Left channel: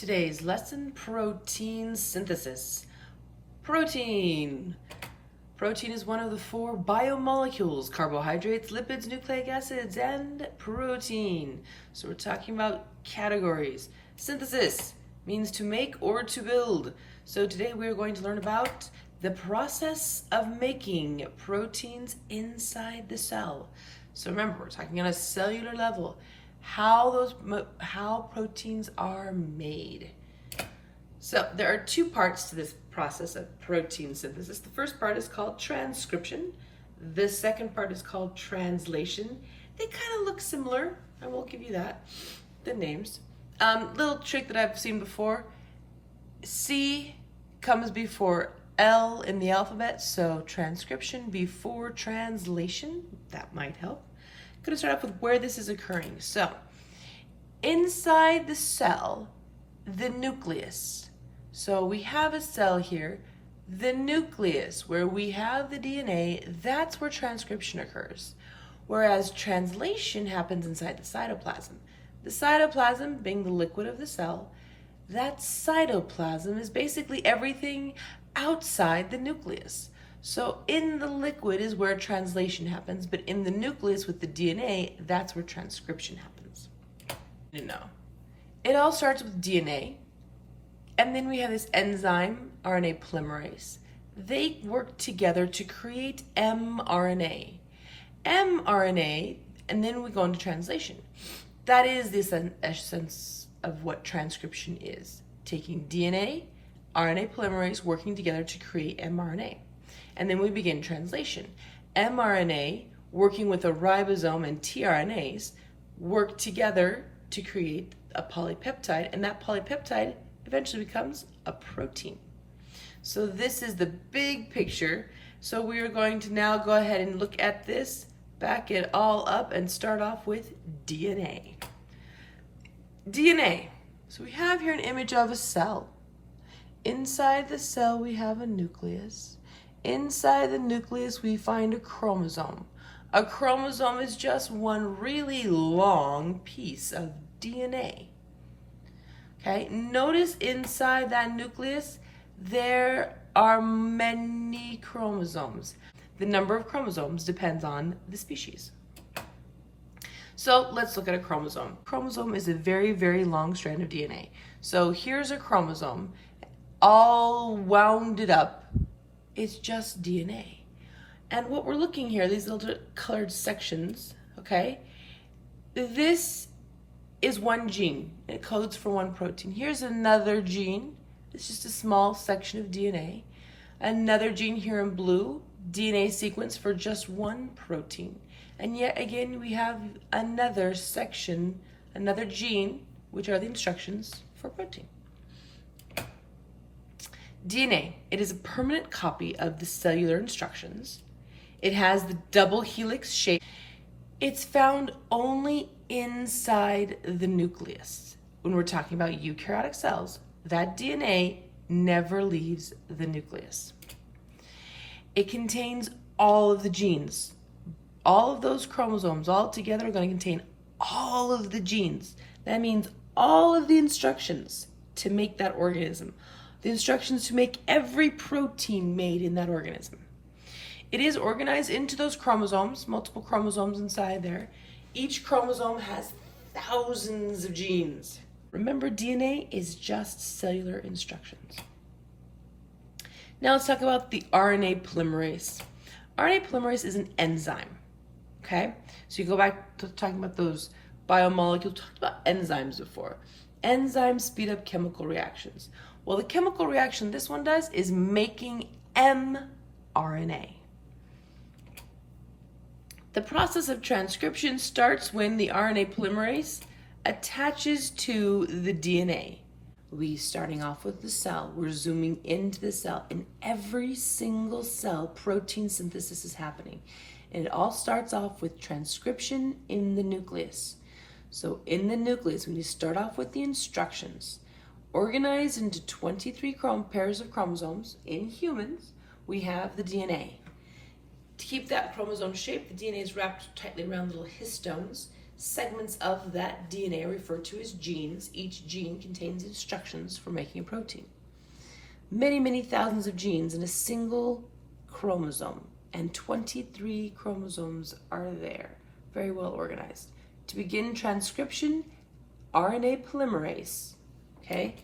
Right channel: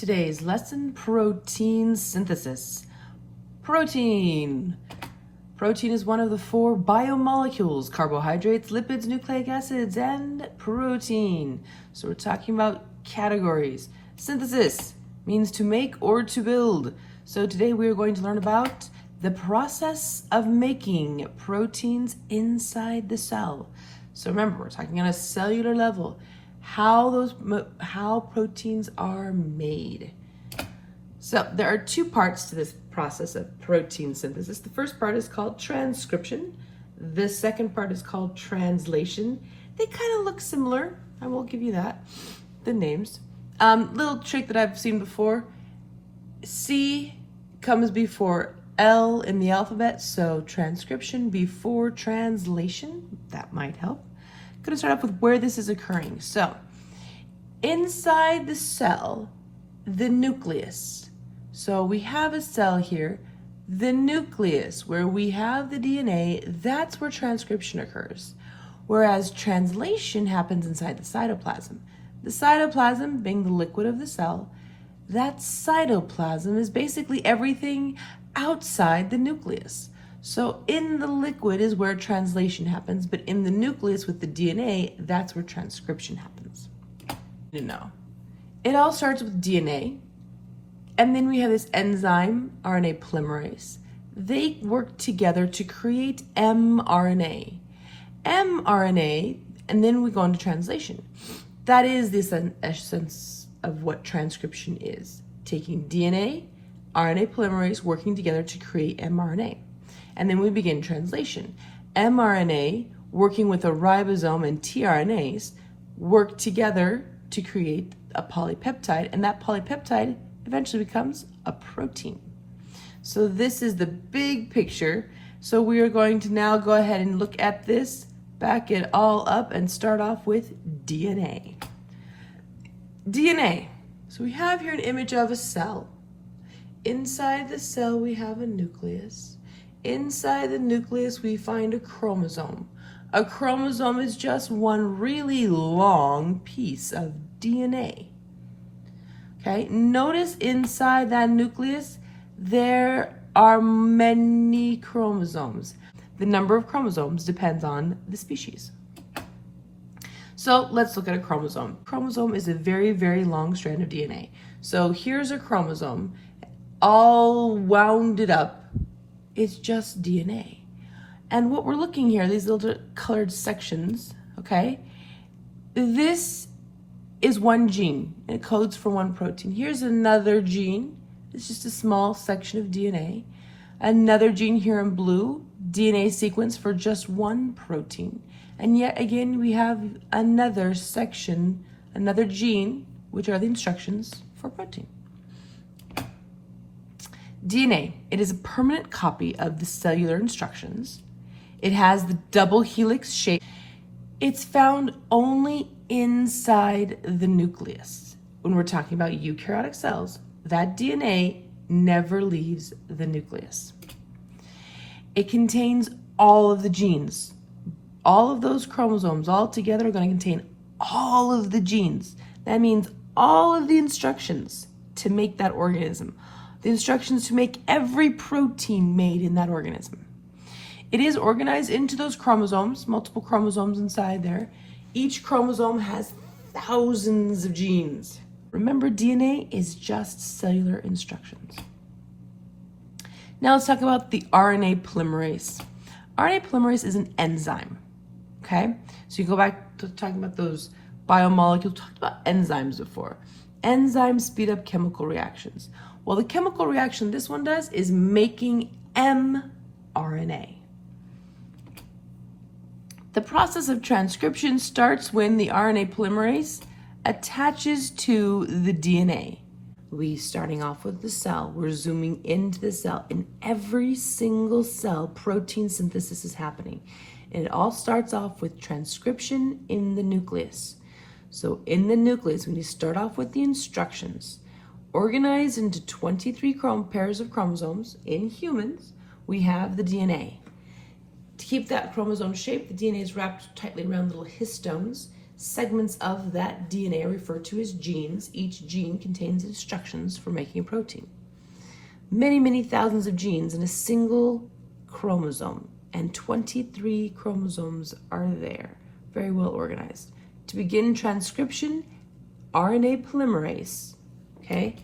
Today's lesson, protein synthesis. Protein. Protein is one of the four biomolecules: carbohydrates, lipids, nucleic acids, and protein. So we're talking about categories. Synthesis means to make or to build. So today we are going to learn about the process of making proteins inside the cell. So remember, we're talking on a cellular level, how proteins are made. So there are two parts to this process of protein synthesis. The first part is called transcription. The second part is called translation. They kind of look similar. I will give you that, the names. Little trick that I've seen before. C comes before L in the alphabet, so transcription before translation. That might help. I'm going to start off with where this is occurring. So inside the cell, the nucleus. So we have a cell here, the nucleus, where we have the DNA, that's where transcription occurs. Whereas translation happens inside the cytoplasm. The cytoplasm being the liquid of the cell, that cytoplasm is basically everything outside the nucleus. So in the liquid is where translation happens, but in the nucleus with the DNA, that's where transcription happens. No. It all starts with DNA, and then we have this enzyme, RNA polymerase. They work together to create mRNA. mRNA, and then we go into translation. That is the essence of what transcription is. Taking DNA, RNA polymerase working together to create mRNA. And then we begin translation. mRNA working with a ribosome and tRNAs work together to create a polypeptide, and that polypeptide eventually becomes a protein. So this is the big picture. So we are going to now go ahead and look at this, back it all up, and start off with DNA. DNA. So we have here an image of a cell. Inside the cell we have a nucleus. Inside the nucleus we find a chromosome. A chromosome is just one really long piece of DNA. Okay, notice inside that nucleus there are many chromosomes. The number of chromosomes depends on the species. So let's look at a chromosome. Chromosome is a very, very long strand of DNA. So here's a chromosome, all wounded up. It's just DNA. And what we're looking here, these little colored sections, okay? This is one gene, and it codes for one protein. Here's another gene. It's just a small section of DNA. Another gene here in blue, DNA sequence for just one protein. And yet again, we have another section, another gene, which are the instructions for protein. DNA, it is a permanent copy of the cellular instructions. It has the double helix shape. It's found only inside the nucleus. When we're talking about eukaryotic cells, that DNA never leaves the nucleus. It contains all of the genes. All of those chromosomes all together are going to contain all of the genes. That means all of the instructions to make that organism. The instructions to make every protein made in that organism. It is organized into those chromosomes, multiple chromosomes inside there. Each chromosome has thousands of genes. Remember, DNA is just cellular instructions. Now let's talk about the RNA polymerase. RNA polymerase is an enzyme, okay? So you go back to talking about those biomolecules, talked about enzymes before. Enzymes speed up chemical reactions. Well, the chemical reaction this one does is making mRNA. The process of transcription starts when the RNA polymerase attaches to the DNA. Starting off with the cell, we're zooming into the cell. In every single cell, protein synthesis is happening. And it all starts off with transcription in the nucleus. So in the nucleus, when you start off with the instructions, organized into 23 pairs of chromosomes, in humans, we have the DNA. To keep that chromosome shape, the DNA is wrapped tightly around little histones. segments of that DNA are referred to as genes. Each gene contains instructions for making a protein. Many, many thousands of genes in a single chromosome, and 23 chromosomes are there, very well organized. To begin transcription, RNA polymerase, okay?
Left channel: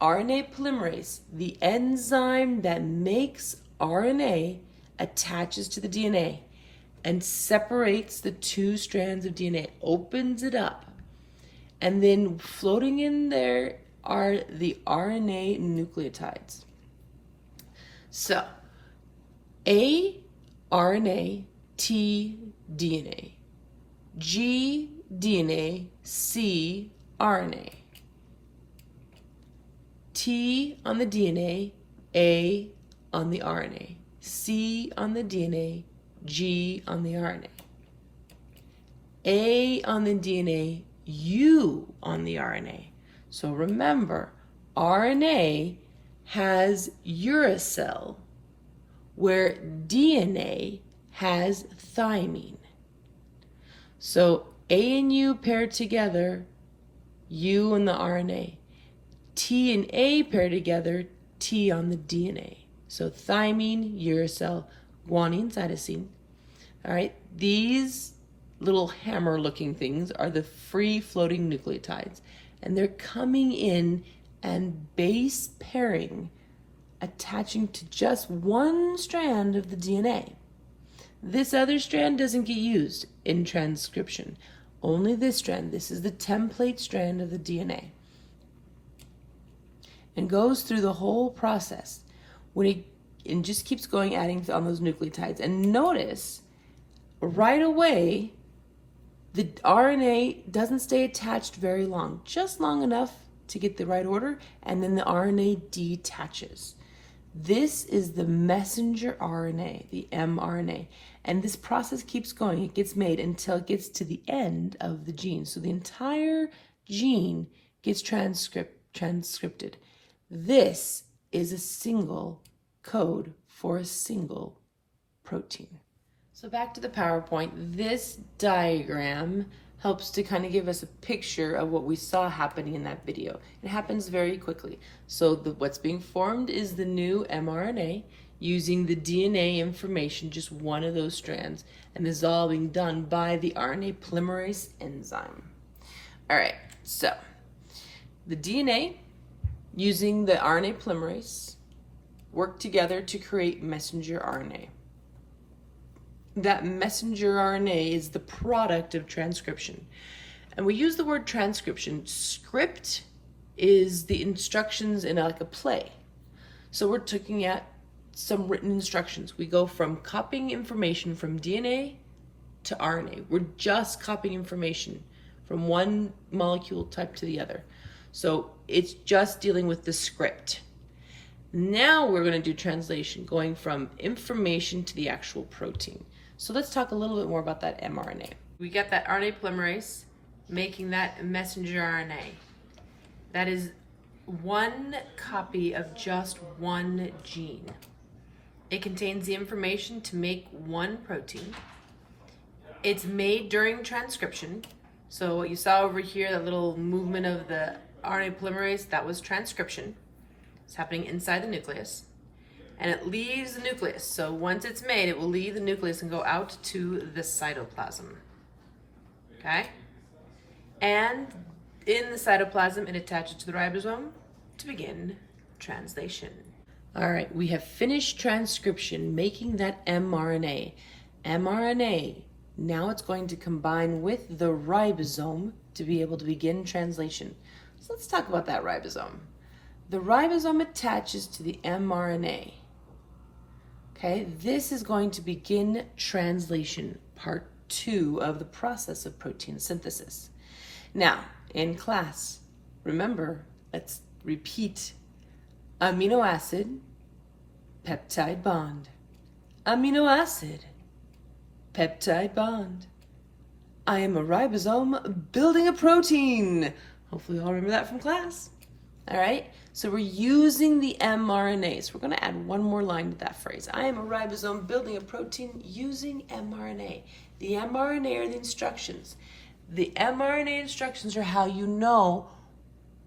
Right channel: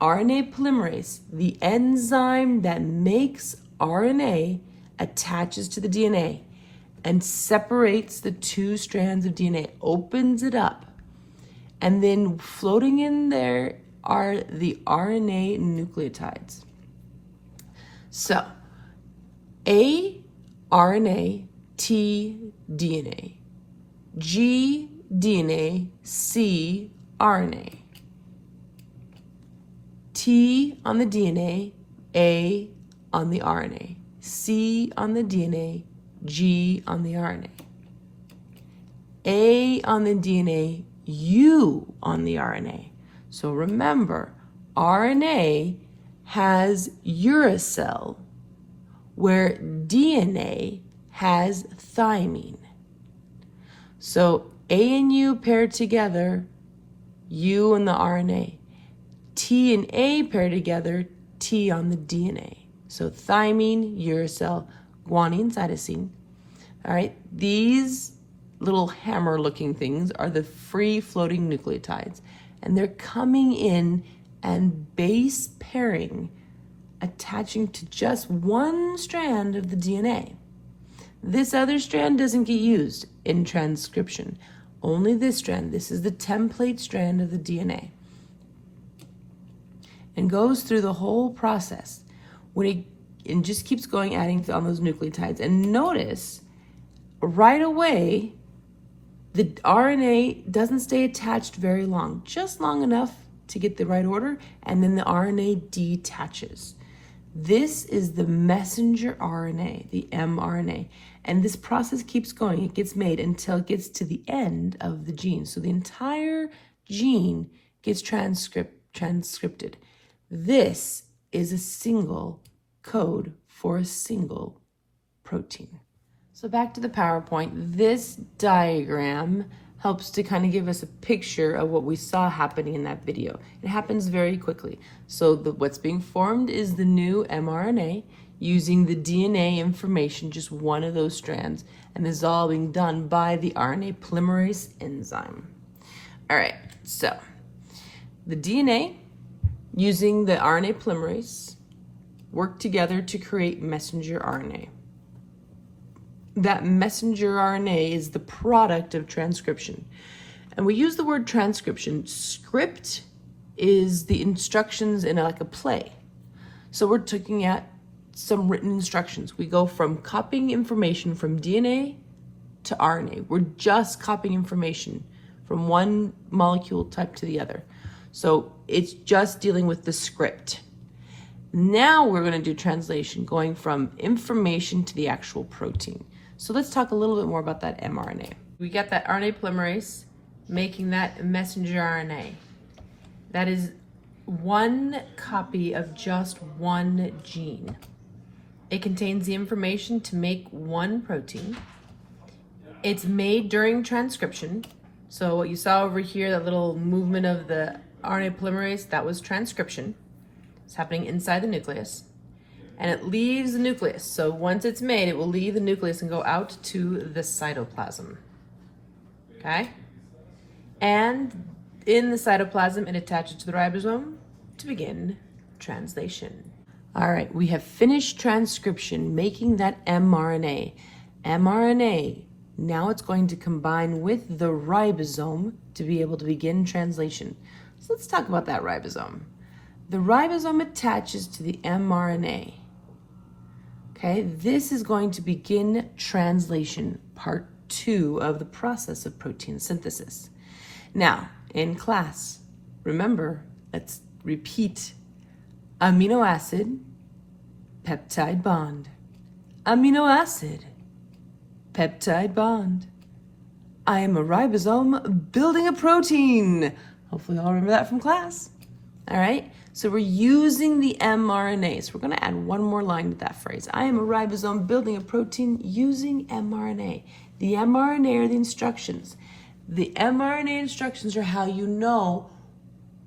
RNA polymerase, the enzyme that makes RNA, attaches to the DNA and separates the two strands of DNA, opens it up, and then floating in there are the RNA nucleotides. So, A, RNA, T, DNA, G, DNA, C, RNA. T on the DNA, A on the RNA, C on the DNA, G on the RNA. A on the DNA, U on the RNA. So remember, RNA has uracil, where DNA has thymine. So A and U pair together, U and the RNA. T and A pair together, T on the DNA. So thymine, uracil, guanine, cytosine. All right, these little hammer-looking things are the free-floating nucleotides, and they're coming in and base pairing, attaching to just one strand of the DNA. This other strand doesn't get used in transcription. Only this strand. This is the template strand of the DNA. And goes through the whole process and just keeps going, adding on those nucleotides. And notice right away the RNA doesn't stay attached very long, just long enough to get the right order, and then the RNA detaches. This is the messenger RNA, the mRNA, and this process keeps going. It gets made until it gets to the end of the gene. So the entire gene gets transcripted. This is a single code for a single protein. So back to the PowerPoint, this diagram helps to kind of give us a picture of what we saw happening in that video. It happens very quickly. So what's being formed is the new mRNA using the DNA information, just one of those strands, and this is all being done by the RNA polymerase enzyme. All right, so the DNA using the RNA polymerase work together to create messenger RNA. That messenger RNA is the product of transcription. And we use the word transcription. Script is the instructions in like a play. So we're looking at some written instructions. We go from copying information from DNA to RNA. We're just copying information from one molecule type to the other. So it's just dealing with the script. Now we're going to do translation, going from information to the actual protein. So let's talk a little bit more about that mRNA. We got that RNA polymerase making that messenger RNA. That is one copy of just one gene. It contains the information to make one protein. It's made during transcription. So what you saw over here, that little movement of the RNA polymerase, that was transcription. It's happening inside the nucleus. And it leaves the nucleus. So once it's made, it will leave the nucleus and go out to the cytoplasm. Okay? And in the cytoplasm, it attaches to the ribosome to begin translation. All right, we have finished transcription, making that mRNA. mRNA, now it's going to combine with the ribosome to be able to begin translation. So let's talk about that ribosome. The ribosome attaches to the mRNA. Okay, this is going to begin translation, part 2 of the process of protein synthesis. Now, in class, remember, let's repeat. Amino acid, peptide bond. Amino acid, peptide bond. I am a ribosome building a protein. Hopefully you all remember that from class. All right, so we're using the mRNA. So we're gonna add one more line to that phrase. I am a ribosome building a protein using mRNA. The mRNA are the instructions. The mRNA instructions are how you know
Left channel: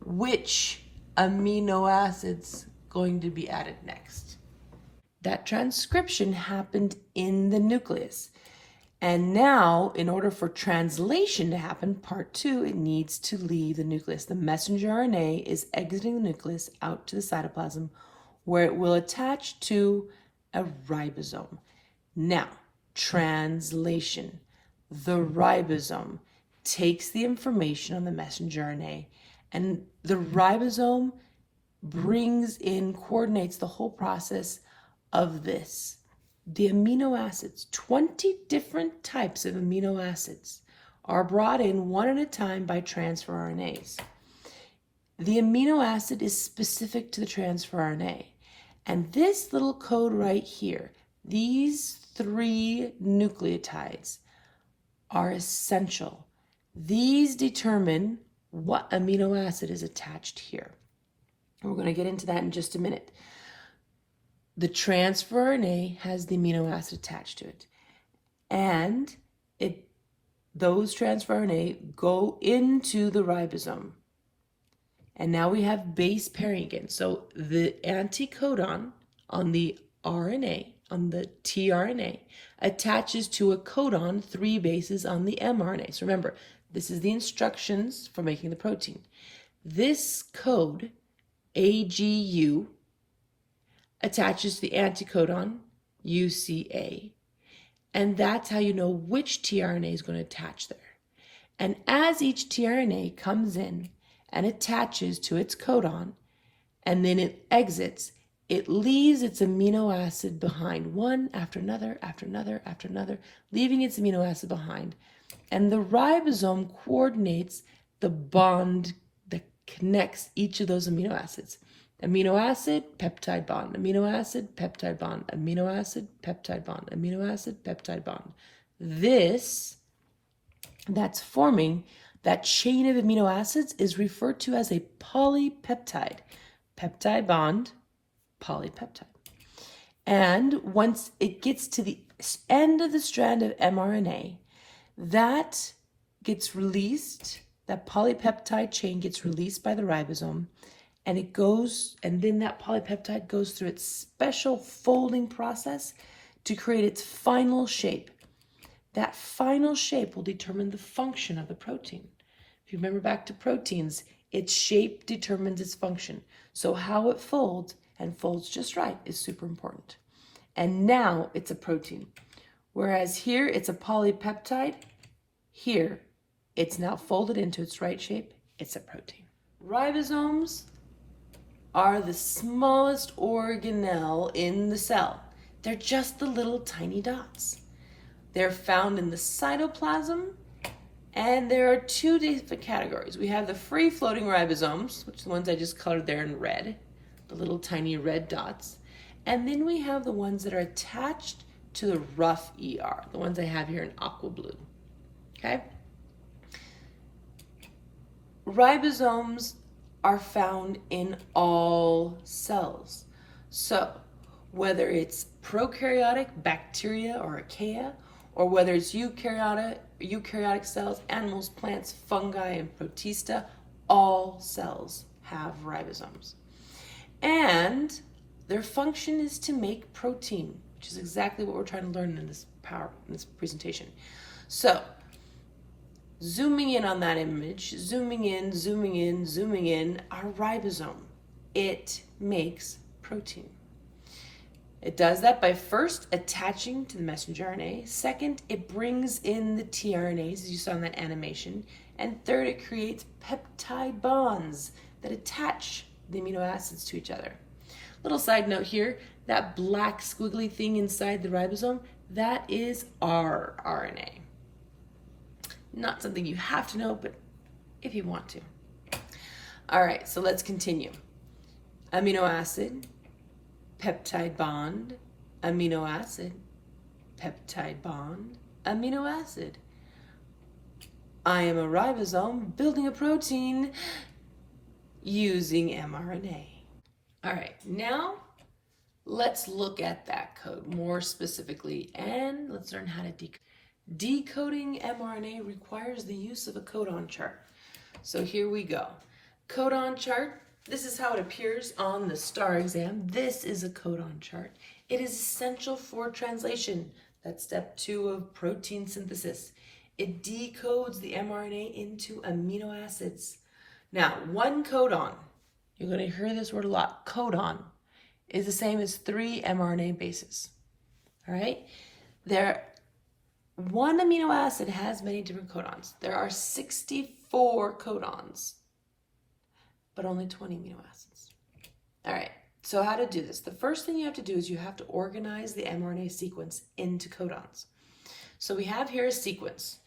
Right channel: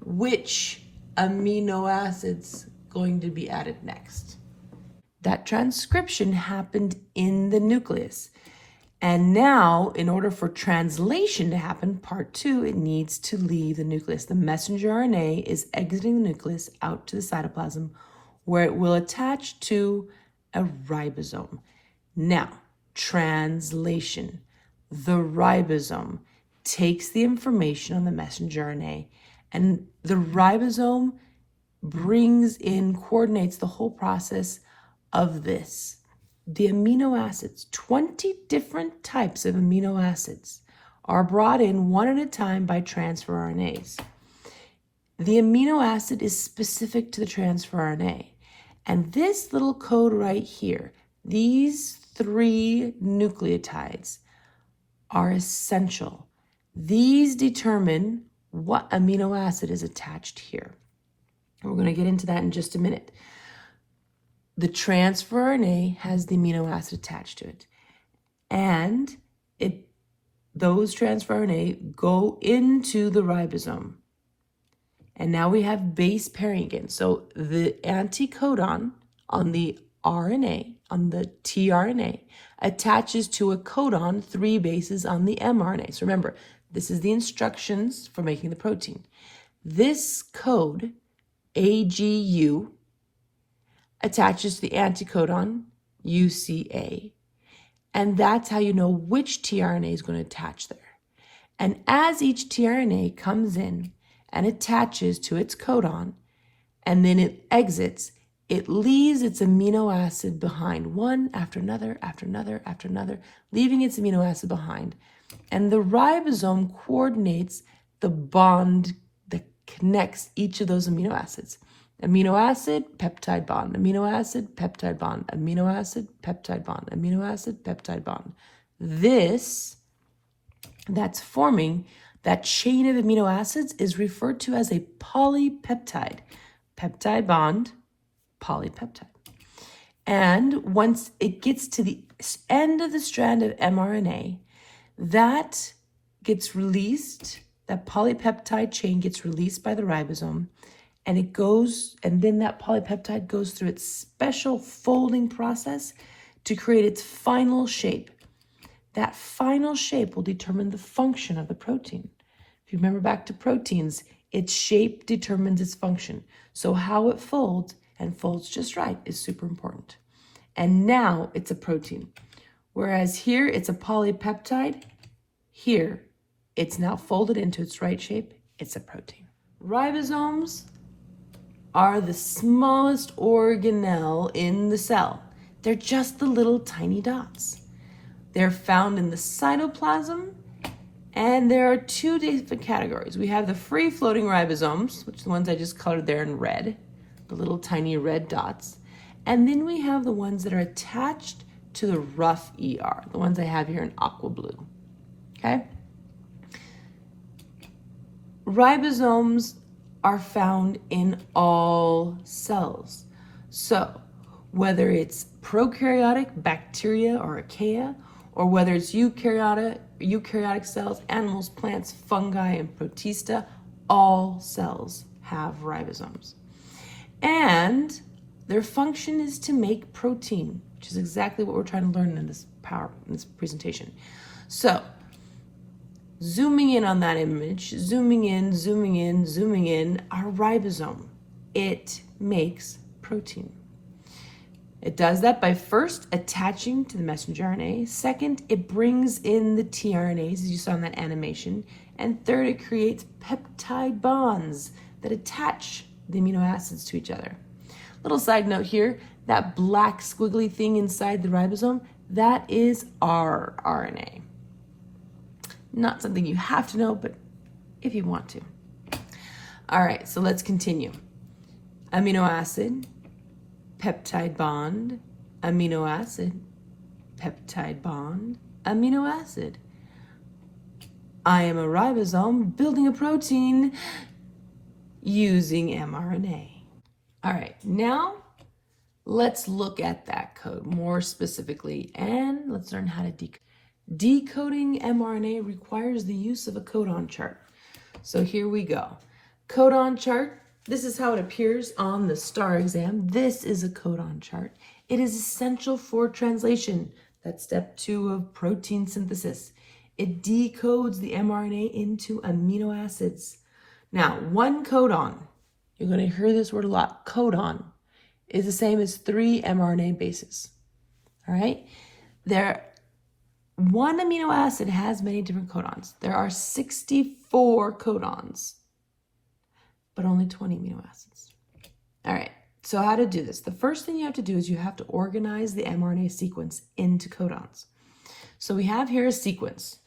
which amino acid's going to be added next. That transcription happened in the nucleus. And now, in order for translation to happen, part 2, it needs to leave the nucleus. The messenger RNA is exiting the nucleus out to the cytoplasm, where it will attach to a ribosome. Now, translation. The ribosome takes the information on the messenger RNA, and the ribosome coordinates the whole process of this. The amino acids, 20 different types of amino acids, are brought in one at a time by transfer RNAs. The amino acid is specific to the transfer RNA. And this little code right here, these 3 nucleotides are essential. These determine what amino acid is attached here. And we're going to get into that in just a minute. The transfer RNA has the amino acid attached to it. And those transfer RNA go into the ribosome. And now we have base pairing again. So the anticodon on the RNA, on the tRNA, attaches to a codon 3 bases on the mRNA. So remember, this is the instructions for making the protein. This code, AGU, attaches to the anticodon UCA, and that's how you know which tRNA is going to attach there. And as each tRNA comes in and attaches to its codon, and then it exits, it leaves its amino acid behind, one after another, after another, after another, leaving its amino acid behind. And the ribosome coordinates the bond that connects each of those amino acids. Amino acid, peptide bond, amino acid, peptide bond, amino acid, peptide bond, amino acid, peptide bond. That's forming that chain of amino acids is referred to as a polypeptide. Peptide bond, polypeptide. And once it gets to the end of the strand of mRNA, that gets released, that polypeptide chain gets released by the ribosome, and then that polypeptide goes through its special folding process to create its final shape. That final shape will determine the function of the protein. If you remember back to proteins, its shape determines its function. So how it folds, and folds just right, is super important. And now it's a protein. Whereas here it's a polypeptide, here it's now folded into its right shape, it's a protein. Ribosomes are the smallest organelle in the cell. They're just the little tiny dots. They're found in the cytoplasm, and there are 2 different categories. We have the free-floating ribosomes, which are the ones I just colored there in red, the little tiny red dots. And then we have the ones that are attached to the rough ER, the ones I have here in aqua blue, okay? Ribosomes are found in all cells. So whether it's prokaryotic bacteria or archaea, or whether it's eukaryotic cells, animals, plants, fungi, and protista, all cells have ribosomes. And their function is to make protein, which is exactly what we're trying to learn in this presentation. So zooming in on that image, zooming in, our ribosome, it makes protein. It does that by first attaching to the messenger RNA. Second, it brings in the tRNAs, as you saw in that animation. And third, it creates peptide bonds that attach the amino acids to each other. Little side note here, that black squiggly thing inside the ribosome, that is our RNA. Not something you have to know, but if you want to. All right, so let's continue. Amino acid, peptide bond, amino acid, peptide bond, amino acid. I am a ribosome building a protein using mRNA. All right, now let's look at that code more specifically, and let's learn how to decode. Decoding mRNA requires the use of a codon chart. So here we go. Codon chart. This is how it appears on the STAR exam. This is a codon chart. It is essential for translation. That's step 2 of protein synthesis. It decodes the mRNA into amino acids. Now, one codon, you're going to hear this word a lot, codon, is the same as 3 mRNA bases. All right? One amino acid has many different codons. There are 64 codons, but only 20 amino acids. All right, so how to do this? The first thing you have to do is you have to organize the mRNA sequence into codons. So we have here a sequence.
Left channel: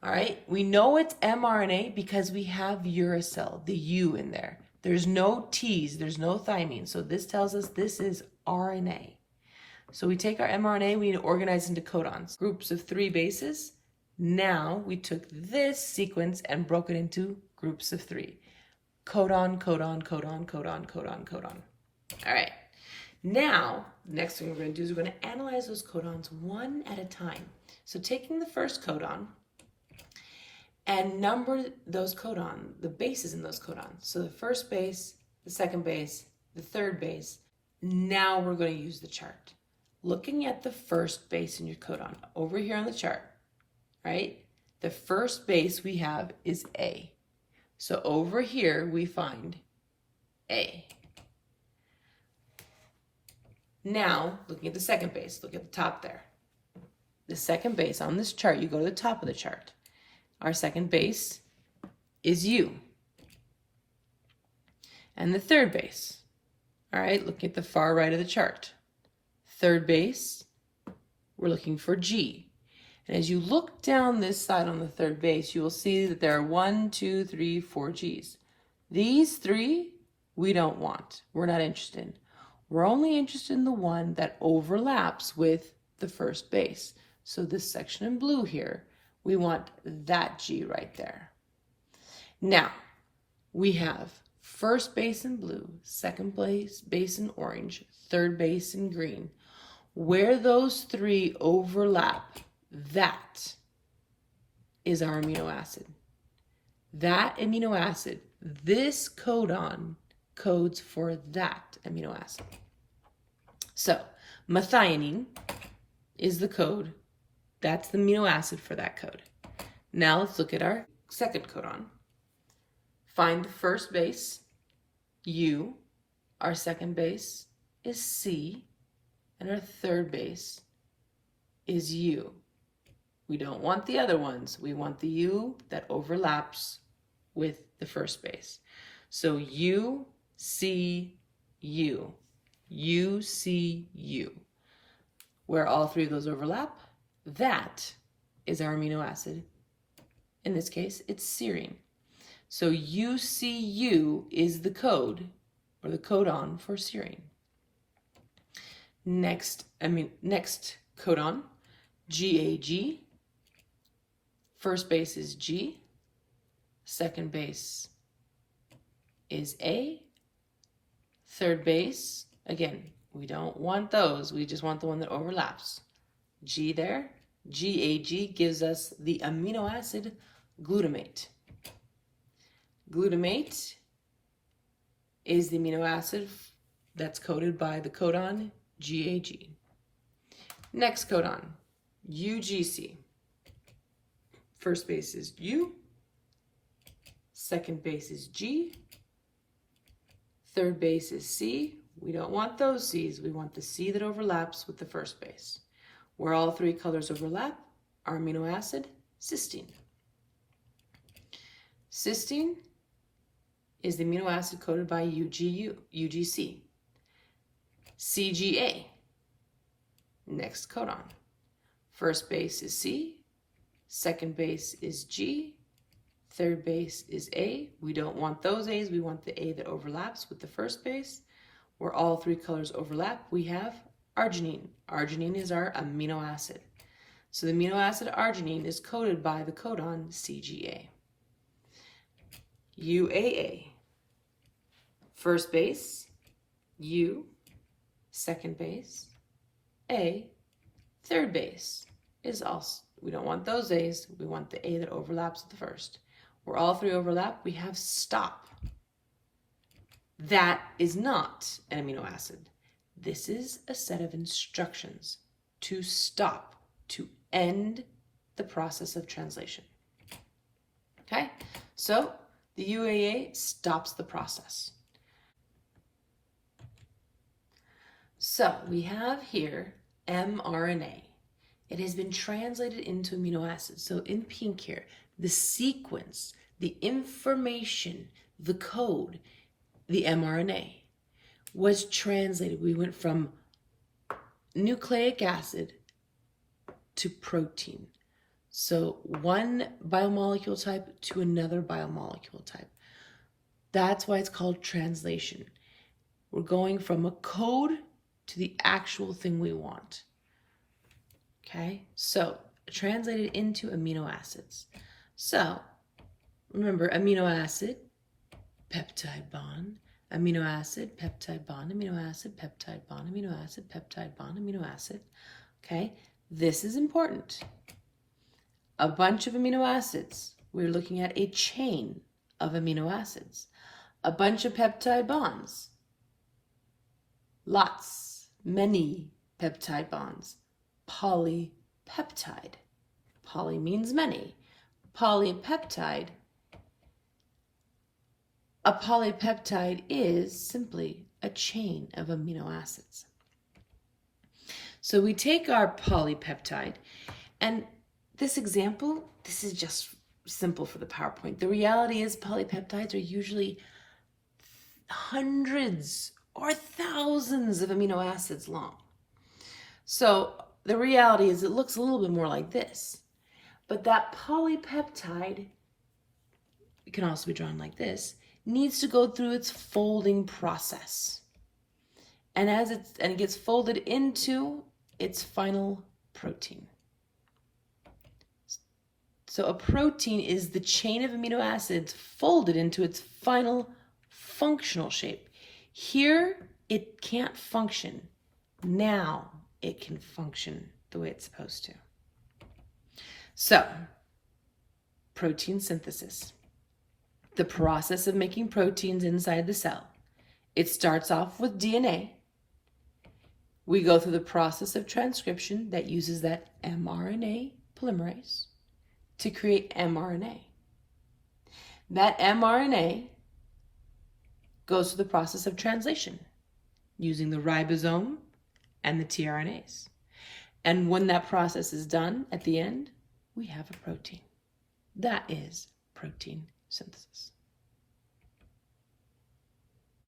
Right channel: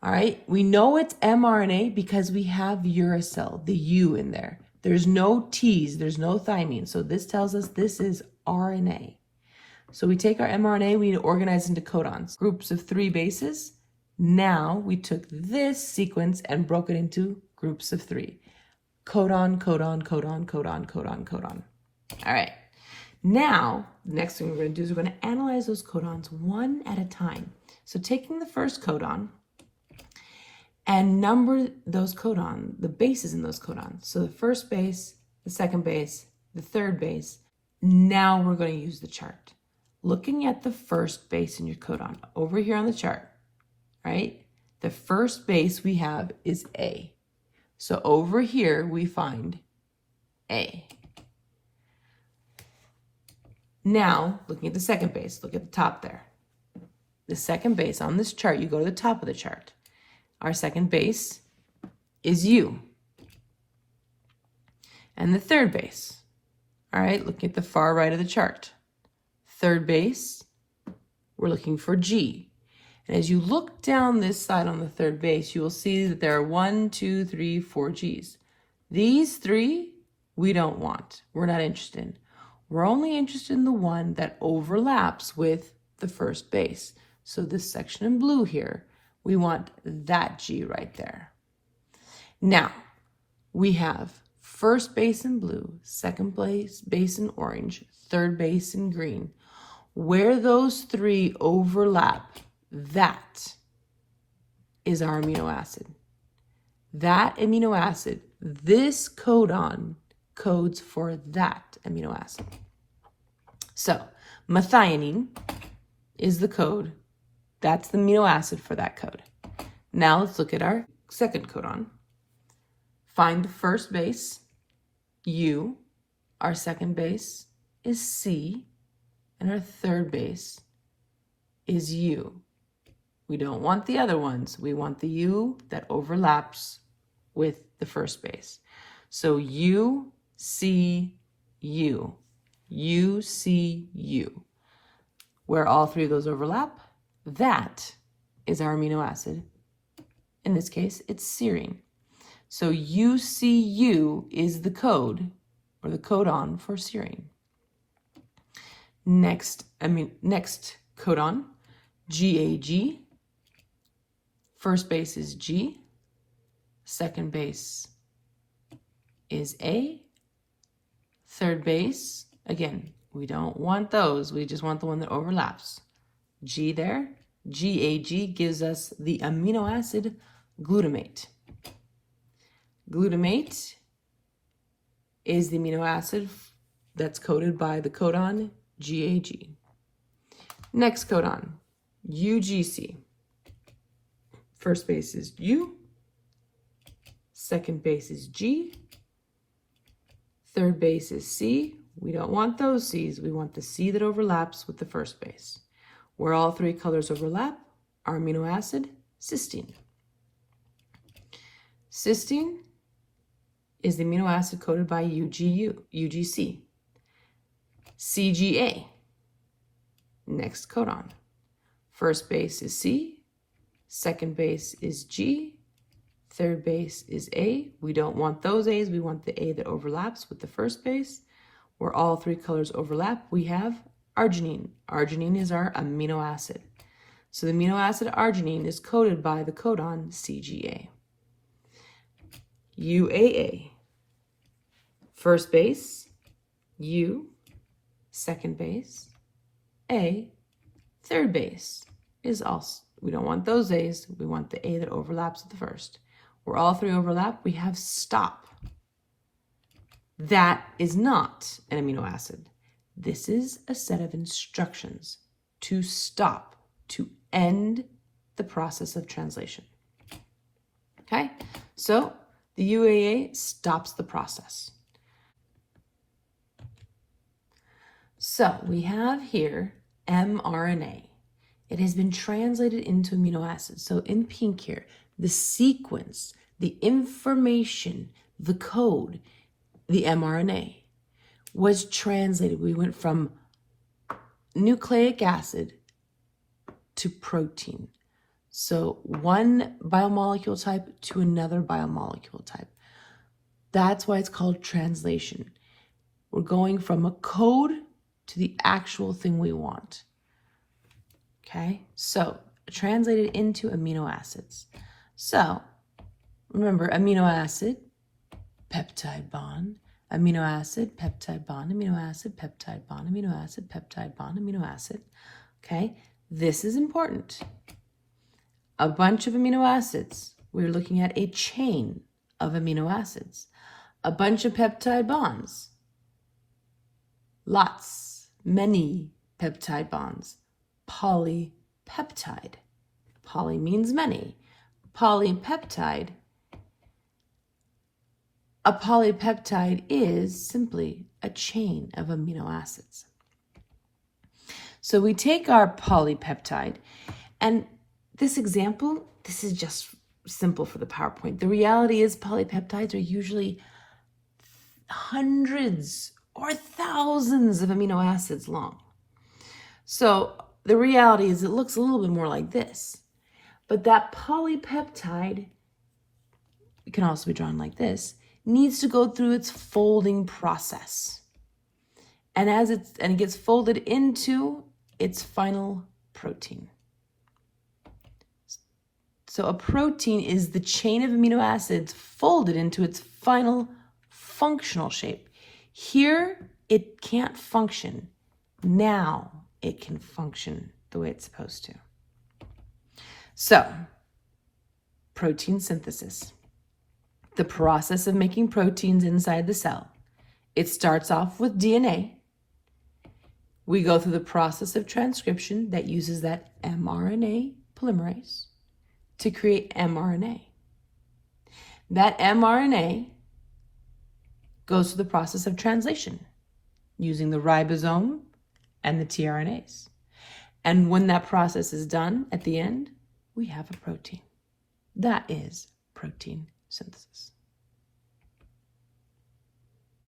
All right, we know it's mRNA because we have uracil, the U in there. There's no T's, there's no thymine. So this tells us this is RNA. So we take our mRNA, we need to organize into codons, groups of 3 bases. Now we took this sequence and broke it into groups of 3. Codon, codon, codon, codon, codon, codon. All right. Now, the next thing we're going to do is we're going to analyze those codons one at a time. So taking the first codon and number those codon, the bases in those codons. So the first base, the second base, the third base. Now we're going to use the chart. Looking at the first base in your codon over here on the chart, right? The first base we have is A. So over here we find A. Now, looking at the second base, look at the top there. The second base on this chart, you go to the top of the chart. Our second base is U. And the third base, all right, looking at the far right of the chart. Third base, we're looking for G. And as you look down this side on the third base, you will see that there are 1, 2, 3, 4 G's. These 3, we don't want. We're not interested in. We're only interested in the one that overlaps with the first base. So this section in blue here, we want that G right there. Now, we have first base in blue, second base in orange, third base in green. Where those 3 overlap, that is our amino acid. That amino acid, this codon codes for that amino acid. So methionine is the code. That's the amino acid for that code. Now let's look at our second codon. Find the first base, U. Our second base is C. And our third base is U. We don't want the other ones. We want the U that overlaps with the first base. So U, C, U. U, C, U. Where all 3 of those overlap, that is our amino acid. In this case, it's serine. So UCU is the code, or the codon for serine. Next codon, GAG. First base is G. Second base is A. Third base, again, we don't want those. We just want the one that overlaps. G there. GAG gives us the amino acid glutamate. Glutamate is the amino acid that's coded by the codon GAG. Next codon, UGC. First base is U. Second base is G. Third base is C. We don't want those C's. We want the C that overlaps with the first base. Where all 3 colors overlap, our amino acid, cysteine. Cysteine is the amino acid coded by UGC. CGA. Next codon. First base is C. Second base is G. Third base is A. We don't want those A's. We want the A that overlaps with the first base. Where all 3 colors overlap, we have arginine. Arginine is our amino acid. So the amino acid arginine is coded by the codon CGA. UAA. First base, U. Second base, A. Third base is We don't want those A's. We want the A that overlaps with the first. Where all three overlap, we have stop. That is not an amino acid. This is a set of instructions to stop, to end the process of translation. Okay, so the UAA stops the process. So we have here mRNA. It has been translated into amino acids. So in pink here, the sequence, the information, the code, the mRNA was translated. We went from nucleic acid to protein. So one biomolecule type to another biomolecule type. That's why it's called translation. We're going from a code to the actual thing we want. Okay, so translated into amino acids. So remember, amino acid, peptide bond, amino acid, peptide bond, amino acid, peptide bond, amino acid, peptide bond, amino acid. Okay, this is important. A bunch of amino acids. We're looking at a chain of amino acids. A bunch of peptide bonds. Lots, many peptide bonds. Polypeptide. Poly means many. Polypeptide. A polypeptide is simply a chain of amino acids. So we take our polypeptide, and this example, this is just simple for the PowerPoint. The reality is polypeptides are usually hundreds or thousands of amino acids long. So the reality is it looks a little bit more like this. But that polypeptide, it can also be drawn like this, needs to go through its folding process. And as it gets folded into its final protein. So a protein is the chain of amino acids folded into its final functional shape. Here, it can't function. Now it can function the way it's supposed to. So, protein synthesis. The process of making proteins inside the cell. It starts off with DNA. We go through the process of transcription that uses that mRNA polymerase to create mRNA. That mRNA goes through the process of translation using the ribosome and the tRNAs. And when that process is done, at the end, we have a protein. That is protein synthesis.